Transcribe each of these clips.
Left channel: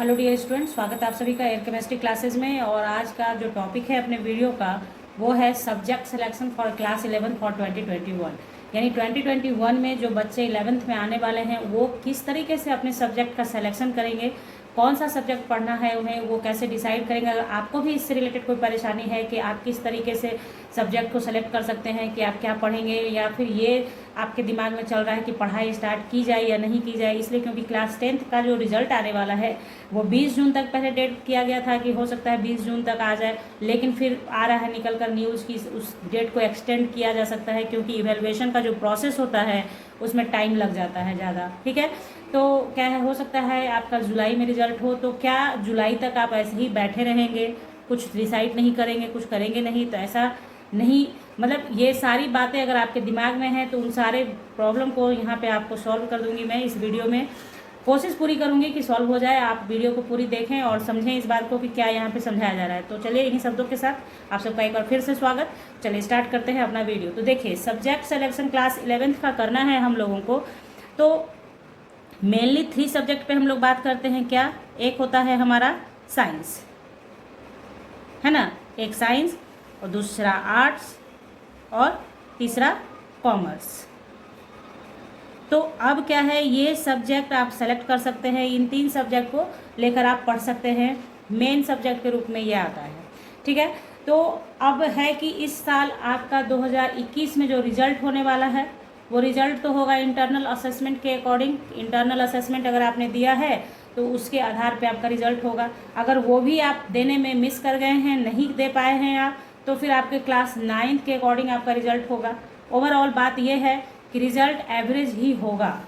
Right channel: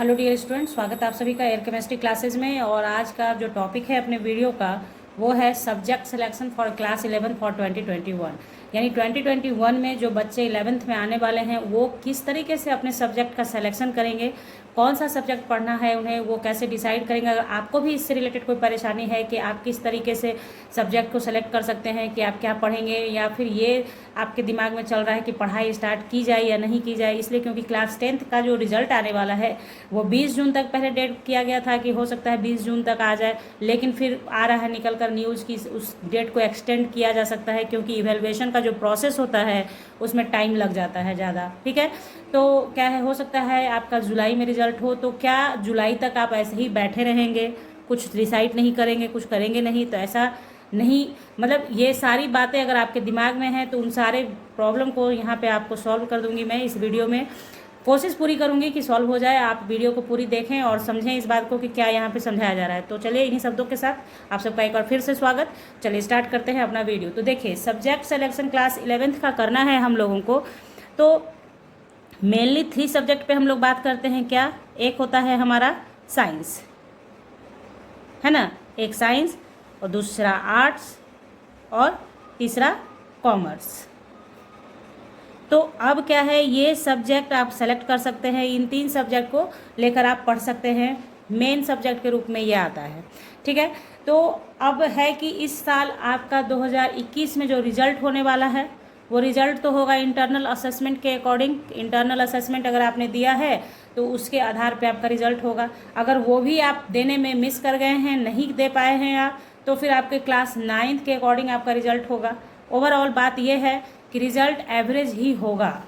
Hello dear student, स्वागत है आप सभी का एयर केमिस्ट्री क्लासेस में। और आज का जो टॉपिक है अपने वीडियो का वो है subject selection for class 11 for 2021। यानी 2021 में जो बच्चे 11th में आने वाले हैं वो किस तरीके से अपने सब्जेक्ट का सिलेक्शन करेंगे, कौन सा सब्जेक्ट पढ़ना है उन्हें, वो कैसे डिसाइड करेंगे। अगर आपको भी इससे रिलेटेड कोई परेशानी है कि आप किस तरीके से सब्जेक्ट को सेलेक्ट कर सकते हैं कि आप क्या पढ़ेंगे, या फिर ये आपके दिमाग में चल रहा है कि पढ़ाई स्टार्ट की जाए या नहीं की जाए, इसलिए क्योंकि क्लास 10th का जो रिजल्ट आने वाला है वो 20 जून तक पहले डेट किया गया था कि हो सकता है 20 जून तक आ जाए, लेकिन फिर आ रहा है निकल कर न्यूज़ की उस डेट को एक्सटेंड किया जा सकता है क्योंकि इवेलुएशन का जो प्रोसेस होता है उसमें टाइम लग जाता है ज़्यादा। ठीक है, तो क्या है, हो सकता है आपका जुलाई में रिजल्ट हो, तो क्या जुलाई तक आप ऐसे ही बैठे रहेंगे, कुछ डिसाइड नहीं करेंगे, कुछ करेंगे नहीं? तो ऐसा नहीं, मतलब ये सारी बातें अगर आपके दिमाग में हैं तो उन सारे प्रॉब्लम को यहाँ पे आपको सॉल्व कर दूंगी मैं इस वीडियो में। कोशिश पूरी करूंगी कि सॉल्व हो जाए। आप वीडियो को पूरी देखें और समझें इस बात को कि क्या यहाँ पे समझाया जा रहा है। तो चलिए इन्हीं शब्दों के साथ आप सबका एक बार फिर से स्वागत। चलिए स्टार्ट करते हैं अपना वीडियो। तो देखिए, सब्जेक्ट सिलेक्शन क्लास 11th का करना है हम लोगों को, तो मेनली 3 सब्जेक्ट पे हम लोग बात करते हैं। क्या? एक होता है हमारा साइंस, है ना, एक साइंस, और दूसरा आर्ट्स, और तीसरा कॉमर्स। तो अब क्या है, ये सब्जेक्ट आप सेलेक्ट कर सकते हैं, इन 3 सब्जेक्ट को लेकर आप पढ़ सकते हैं, मेन सब्जेक्ट के रूप में ये आता है। ठीक है, तो अब है कि इस साल आपका 2021 में जो रिजल्ट होने वाला है वो रिजल्ट तो होगा इंटरनल असेसमेंट के अकॉर्डिंग। इंटरनल असेसमेंट अगर आपने दिया है तो उसके आधार पे आपका रिजल्ट होगा। अगर वो भी आप देने में मिस कर गए हैं, नहीं दे पाए हैं आप, तो फिर आपके क्लास 9th के अकॉर्डिंग आपका रिजल्ट होगा। ओवरऑल बात यह है कि रिजल्ट एवरेज ही होगा,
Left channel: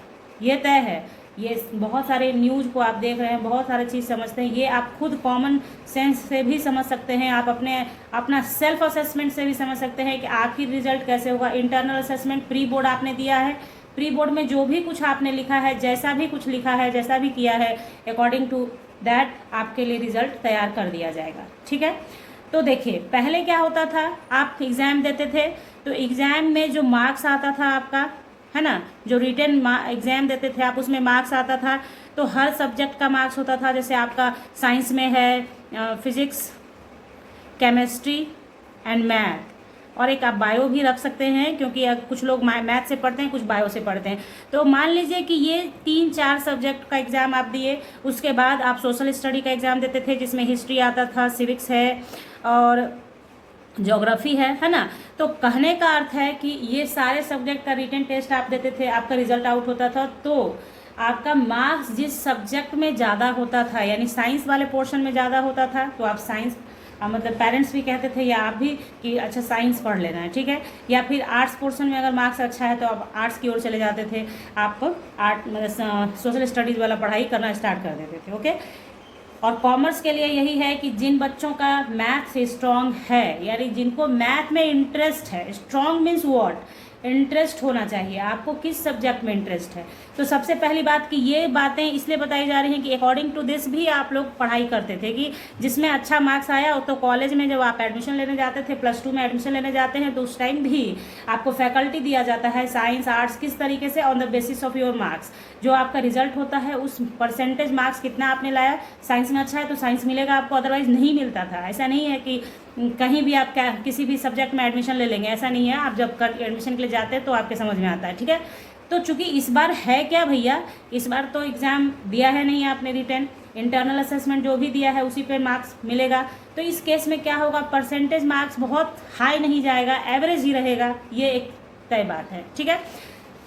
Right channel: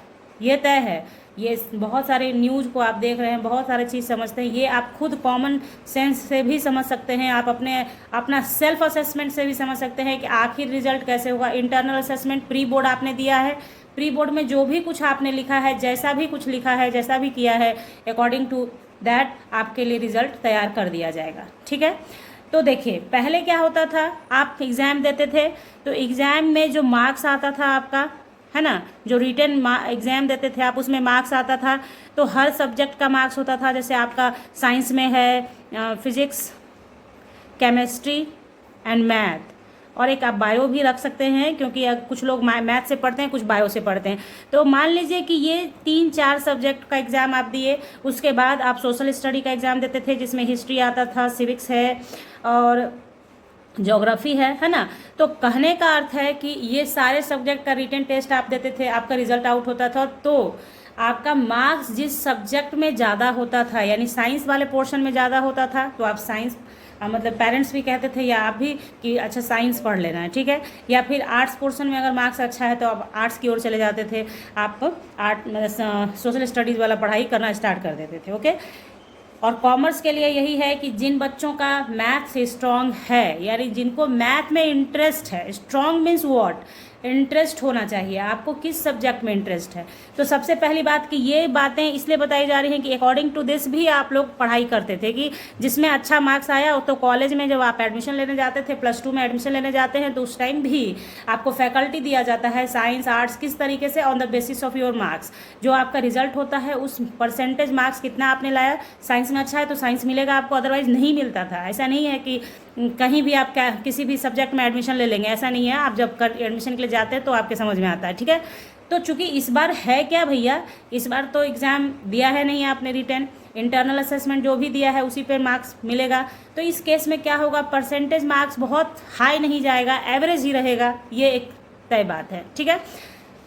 ये तय है। ये बहुत सारे न्यूज़ को आप देख रहे हैं, बहुत सारे चीज़ समझते हैं, ये आप खुद कॉमन सेंस से भी समझ सकते हैं, आप अपना सेल्फ असेसमेंट से भी समझ सकते हैं कि आखिर रिजल्ट कैसे होगा। इंटरनल असेसमेंट प्री बोर्ड आपने दिया है, प्री बोर्ड में जो भी कुछ आपने लिखा है, जैसा भी कुछ लिखा है, जैसा भी किया है, अकॉर्डिंग टू दैट आपके लिए रिजल्ट तैयार कर दिया जाएगा। ठीक है, तो देखिए पहले क्या होता था, आप एग्ज़ाम देते थे तो एग्ज़ाम में जो मार्क्स आता था आपका, है ना, जो रिटन एग्ज़ाम देते थे आप, उसमें मार्क्स आता था, तो हर सब्जेक्ट का मार्क्स होता था। जैसे आपका साइंस में है फिजिक्स, केमिस्ट्री एंड मैथ, और एक आप बायो भी रख सकते हैं क्योंकि अब कुछ लोग मैथ से पढ़ते हैं, कुछ बायो से पढ़ते हैं। तो मान लीजिए कि ये 3-4 सब्जेक्ट का एग्ज़ाम आप दिए, उसके बाद आप सोशल स्टडी का एग्ज़ाम देते थे जिसमें हिस्ट्री आता था, सिविक्स है और ज्योग्राफी है ना। तो कहने का अर्थ है कि ये सारे सब्जेक्ट का रिटन टेस्ट आप देते थे, आपका रिजल्ट आउट होता था, तो आपका मार्क्स जिस सब्जेक्ट में ज़्यादा होता था, यानी साइंस वाले पोर्शन में ज़्यादा होता था, तो आप साइंस, मतलब पेरेंट्स भी कहते थे या आप भी कि अच्छा साइंस पढ़ लेना है। ठीक है, या फिर आर्ट्स पोर्शन में अगर मार्क्स अच्छा है तो आप आर्ट्स की ओर चले जाते थे, आप आर्ट मतलब सोशल स्टडीज़ वाला पढ़ाई करना स्टार्ट कर देते थे। ओके, और कॉमर्स के लिए यही है कि जिन बच्चों का मैथ स्ट्रांग है, यानी जिनको मैथ में इंटरेस्ट है, स्ट्रांग मीन्स व्हाट, इंटरेस्ट होना चाहिए, आपको किस सब्जेक्ट में इंटरेस्ट है। तो सबसे पहली बात कि ये बातें इसलिए बताई जा रही हैं कि अकॉर्डिंग टू दिस भी आप लोग पढ़ाई करते थे कि जिसमें अच्छा मार्क्स आया, तो कॉलेज में जब आप एडमिशन लेने जाते थे, +2 में एडमिशन लेने जाते हैं, तो उस टाइम भी आपको फैकल्टी दिया जाता है साइंस आर्ट्स किस तरीके से, on the basis of your marks. जो आपका रिजल्ट होता है उस परसेंटेज मार्क्स कितना आपने लाया, साइंस में अच्छा है तो साइंस मिलेगा आपको, अदरवाइज नहीं मिलता था। ऐसा नहीं है कि कहीं भी आप क्या किसी भी सब्जेक्ट में एडमिशन ले लेंगे, ऐसा नहीं है। आप जब एडमिशन के लिए जाते हैं तो आपके समझ में आता है। ठीक है, तो चूंकि इस बार है क्या भैया, इस बार तो एग्ज़ाम दिया है नहीं आपने रिटर्न, इंटरनल असेसमेंट जो भी दिया है उसी पे मार्क्स मिलेगा। तो इस केस में क्या होगा, परसेंटेज मार्क्स बहुत हाई नहीं जाएगा, एवरेज ही रहेगा, ये एक तय बात है। ठीक है,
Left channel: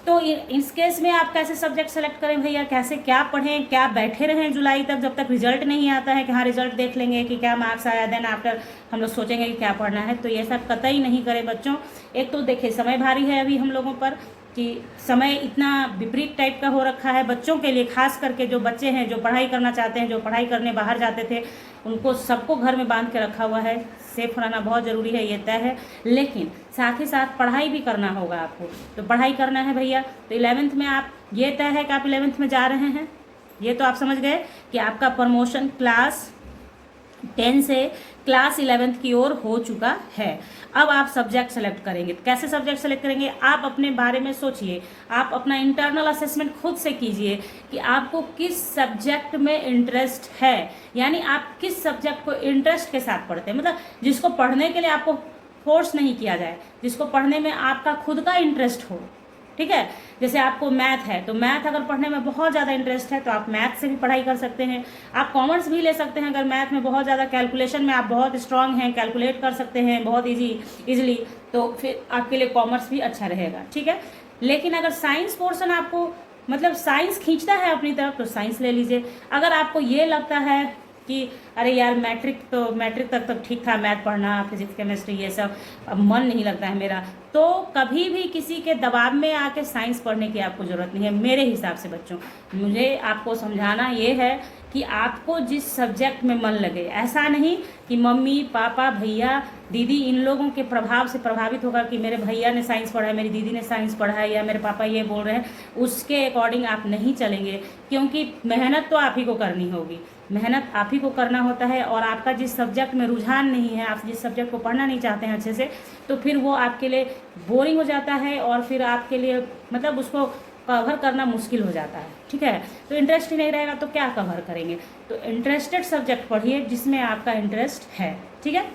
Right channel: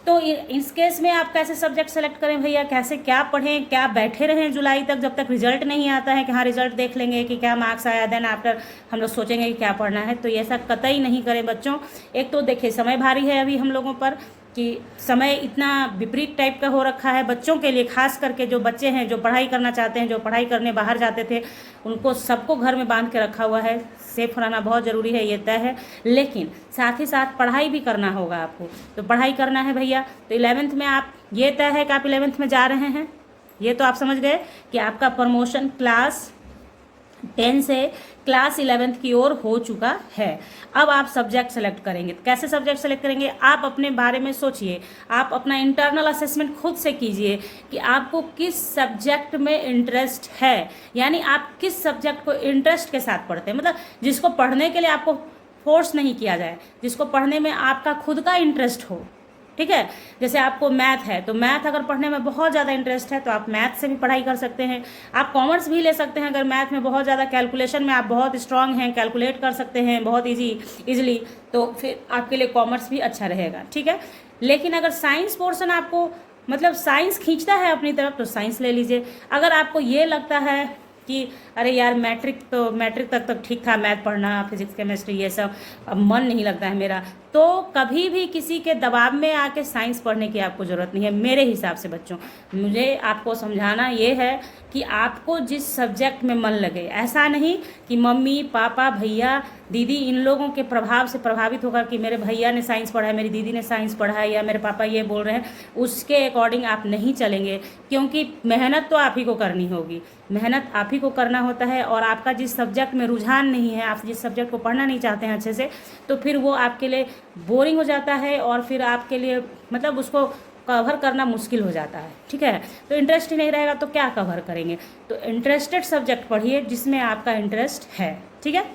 तो इस केस में आप कैसे सब्जेक्ट सेलेक्ट करें भैया, कैसे क्या पढ़ें, क्या बैठे रहें जुलाई तक जब तक रिजल्ट नहीं आता है कि हाँ रिजल्ट देख लेंगे कि क्या मार्क्स आया, देन आफ्टर हम लोग सोचेंगे कि क्या पढ़ना है। तो ये ऐसा कतई नहीं करें बच्चों। एक तो देखिए समय भारी है अभी हम लोगों पर, कि समय इतना विपरीत टाइप का हो रखा है बच्चों के लिए, खास करके जो बच्चे हैं जो पढ़ाई करना चाहते हैं, जो पढ़ाई करने बाहर जाते थे, उनको सबको घर में बांध के रखा हुआ है। सेफ रहना बहुत ज़रूरी है, ये तय है, लेकिन साथ ही साथ पढ़ाई भी करना होगा आपको। तो पढ़ाई करना है भैया, तो 11th में आप, ये तय है कि आप 11th में जा रहे हैं, ये तो आप समझ गए कि आपका प्रमोशन क्लास 10 से क्लास 11th की ओर हो चुका है। अब आप सब्जेक्ट सेलेक्ट करेंगे। कैसे सब्जेक्ट सेलेक्ट करेंगे? आप अपने बारे में सोचिए, आप अपना इंटरनल असेसमेंट खुद से कीजिए कि आपको किस सब्जेक्ट में इंटरेस्ट है, यानी आप किस सब्जेक्ट को इंटरेस्ट के साथ पढ़ते हैं, मतलब जिसको पढ़ने के लिए आपको फोर्स नहीं किया जाए, जिसको पढ़ने में आपका खुद का इंटरेस्ट हो। ठीक है, जैसे आपको मैथ है तो मैथ अगर पढ़ने में बहुत ज़्यादा इंटरेस्ट है तो आप मैथ से भी पढ़ाई कर सकते हैं। आप कॉमर्स भी ले सकते हैं अगर मैथ में बहुत ज़्यादा कैलकुलेशन में आप बहुत स्ट्रांग हैं, कैलकुलेट कर सकते हैं बहुत इजीली, तो फिर आपके लिए कॉमर्स भी अच्छा रहेगा। ठीक है, लेकिन अगर साइंस पोर्शन आपको मतलब साइंस खींचता है अपनी तरफ तो साइंस ले लीजिए। अगर आपको ये लगता है कि अरे यार मैट्रिक तक तो ठीक था मैथ पढ़ना, फिजिक्स केमिस्ट्री ये सब, अब मन नहीं लगता है मेरा, तो कभी भी किसी के दबाव में आके साइंस पढ़ने की आपको ज़रूरत नहीं है। मेरे हिसाब से बच्चों, मुझे आपको समझाना ये है कि आपको जिस सब्जेक्ट में मन लगे, ऐसा नहीं कि मम्मी पापा भैया दीदी इन लोगों के प्रभाव से प्रभावित होकर कि मेरे भैया ने साइंस पढ़ा है, मेरी दीदी ने साइंस पढ़ा है, या मेरे पापा ये बोल रहे हैं, उसके अकॉर्डिंग आप नहीं चलेंगे। क्योंकि मेहनत तो आप ही को करनी होगी, मेहनत आप ही को करना होता है। और आपका जिस सब्जेक्ट में रुझान नहीं है, आप जिस सब्जेक्ट को पढ़ना नहीं चाहते हैं अच्छे से, तो फिर वो आपके लिए बोरिंग हो जाता है और फिर आपके लिए मतलब उसको कवर करना मुश्किल हो जाता है। ठीक है, तो इंटरेस्ट ही नहीं रहेगा तो क्या कवर करेंगे? तो इंटरेस्टेड सब्जेक्ट पढ़िए जिसमें आपका इंटरेस्ट है। ठीक है,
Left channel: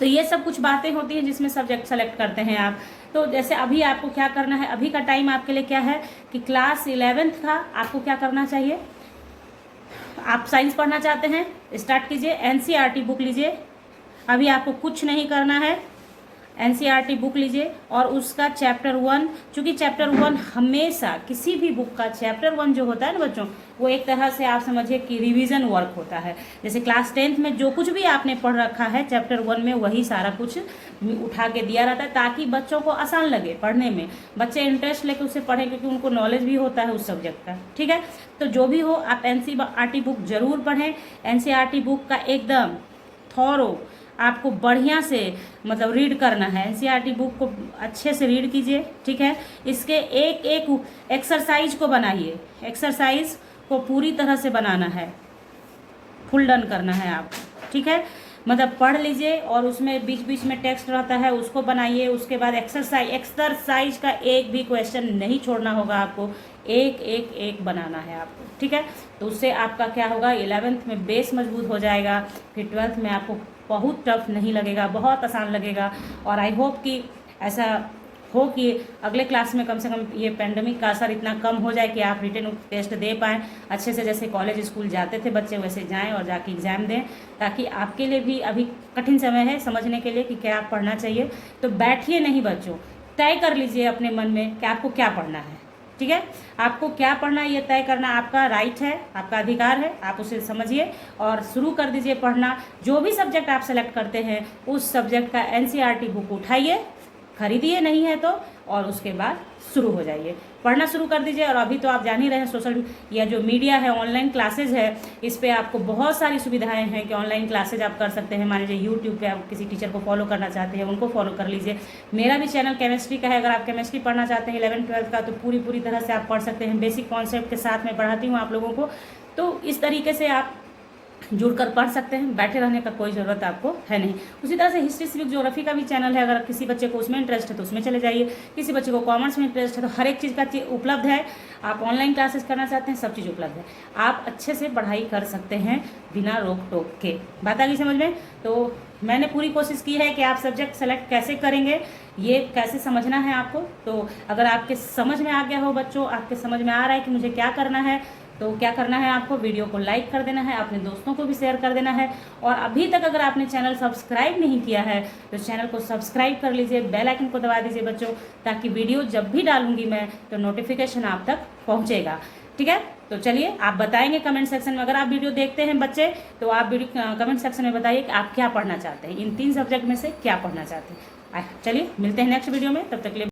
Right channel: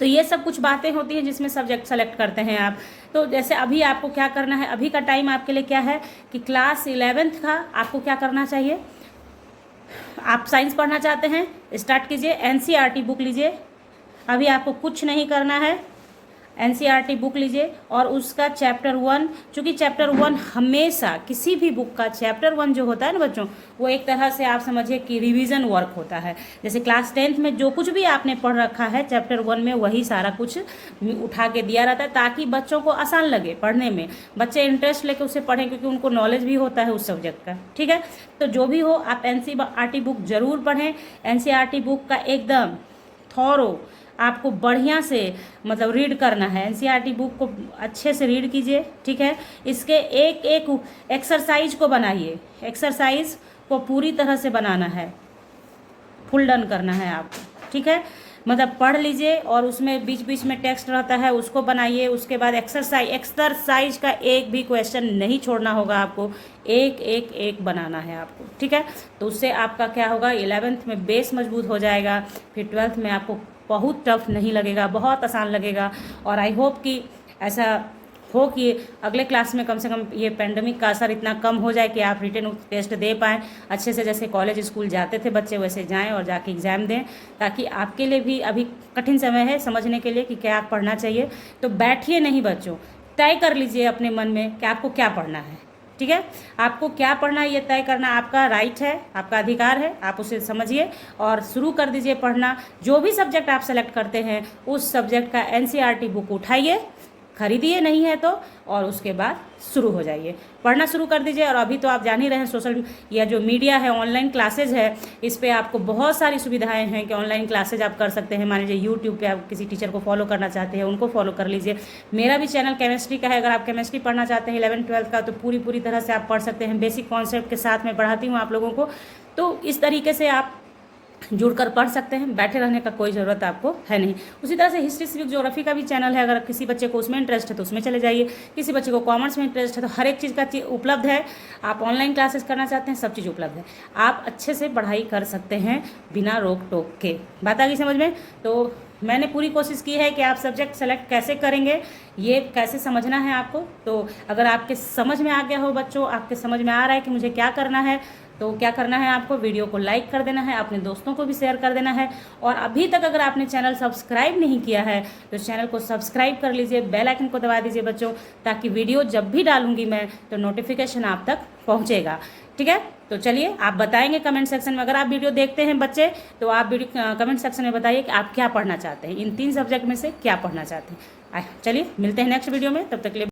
तो ये सब कुछ बातें होती हैं जिसमें सब्जेक्ट सेलेक्ट करते हैं आप। तो जैसे अभी आपको क्या करना है, अभी का टाइम आपके लिए क्या है कि क्लास 11th का आपको क्या करना चाहिए। आप साइंस पढ़ना चाहते हैं, स्टार्ट कीजिए, एनसीईआरटी बुक लीजिए। अभी आपको कुछ नहीं करना है, एनसीईआरटी बुक लीजिए और उसका चैप्टर 1, चूँकि चैप्टर 1 हमेशा किसी भी बुक का चैप्टर 1 जो होता है ना बच्चों, वो एक तरह से आप समझिए कि रिवीजन वर्क होता है। जैसे क्लास 10th में जो कुछ भी आपने पढ़ रखा है चैप्टर 1 में, वही सारा कुछ उठा के दिया रहता है ताकि बच्चों को आसान लगे पढ़ने में, बच्चे इंटरेस्ट लेके उसे पढ़ें क्योंकि उनको नॉलेज भी होता है उस सब्जेक्ट का। ठीक है, तो जो भी हो आप एनसीईआरटी बुक जरूर पढ़ें। एनसीईआरटी बुक का एकदम थॉरो आपको बढ़िया से मतलब रीड करना है। एनसीईआरटी बुक को अच्छे से रीड कीजिए। ठीक है, इसके एक एक एक्सरसाइज को बनाइए, एक्सरसाइज को पूरी तरह से बनाना है, फुल डन करना है आपको। ठीक है, मतलब पढ़ लीजिए और उसमें बीच बीच में टेक्स्ट रहता है उसको बनाइए। उसके बाद एक्सरसाइज का एक भी क्वेश्चन नहीं छोड़ना होगा आपको, एक बनाना है आपको। ठीक है, तो उससे आपका क्या होगा, 11th में बेस मजबूत हो जाएगा, फिर 12th में आपको बहुत टफ नहीं लगेगा, बहुत आसान लगेगा। और आई होप कि ऐसा हो कि अगले क्लास में कम से कम ये पेंडेमिक का असर इतना कम हो जाए कि आप रिटन टेस्ट दे पाएँ अच्छे से, जैसे कॉलेज स्कूल जाते थे बच्चे वैसे जाएं और जाके एग्ज़ाम दें, ताकि आपके लिए भी अभी कठिन समय है समझने के लिए कि क्या आप पढ़ना चाहिए। तो बैठिए नहीं बच्चों, तय कर लीजिए अपने मन में कि आपको क्या पढ़ना है। ठीक है, आपको क्या पढ़ना है ये तय करना आपका राइट है, आपका अधिकार है, आप उसे समझिए और शुरू कर दीजिए पढ़ना। जो भी सब्जेक्ट आप सेलेक्ट करते हैं उस सब्जेक्ट का एनसीईआरटी बुक उठाइए, खरीदिए नहीं है तो, और उसके बाद शुरू हो जाइए, पढ़ना शुरू कर दीजिए। और अभी तो आप जान ही रहे हैं सोशल या जो मीडिया है, ऑनलाइन क्लासेज है, इस पे आपको बहुत सारी सुविधाएं हैं कि ऑनलाइन क्लासेज आप कर सकते हैं। मान लीजिए यूट्यूब पे आप किसी टीचर को फॉलो करना चाहते हैं, उनको फॉलो कर लीजिए। मेरा भी चैनल केमिस्ट्री का है, अगर आप केमिस्ट्री पढ़ना चाहते हैं 11th-12th का, तो पूरी तरह से आप पढ़ सकते हैं। बेसिक कॉन्सेप्ट के साथ मैं पढ़ाती हूँ आप लोगों को, तो इस तरीके से आप जुड़कर पढ़ सकते हैं, बैठे रहने का कोई ज़रूरत आपको है नहीं। उसी तरह से हिस्ट्री सिविक ज्योग्राफी का भी चैनल है, अगर किसी बच्चे को उसमें इंटरेस्ट है तो उसमें चले जाइए, किसी बच्चे को कॉमर्स में इंटरेस्ट है तो हर एक चीज़ का उपलब्ध है। आप ऑनलाइन क्लासेस करना चाहते हैं, सब चीज़ उपलब्ध है, आप अच्छे से पढ़ाई कर सकते हैं बिना रोक टोक के। बात आ गई समझ में? तो मैंने पूरी कोशिश की है कि आप सब्जेक्ट सेलेक्ट कैसे करेंगे ये कैसे समझना है आपको। तो अगर आपके समझ में आ गया हो बच्चों, आपके समझ में आ रहा है कि मुझे क्या करना है, तो क्या करना है आपको, वीडियो को लाइक कर देना है, अपने दोस्तों को भी शेयर कर देना है। और अभी तक अगर आपने चैनल सब्सक्राइब नहीं किया है तो चैनल को सब्सक्राइब कर लीजिए, बेल आइकन को दबा दीजिए बच्चों, ताकि वीडियो जब भी डालूंगी मैं तो नोटिफिकेशन आप तक पहुंचेगा। ठीक है, तो चलिए आप बताएंगे कमेंट सेक्शन में, अगर आप वीडियो देखते हैं बच्चे तो आप वीडियो कमेंट सेक्शन में बताइए कि आप क्या पढ़ना चाहते हैं, इन 3 सब्जेक्ट में से क्या पढ़ना चाहते हैं। चलिए मिलते हैं नेक्स्ट वीडियो में, तब तक के लिए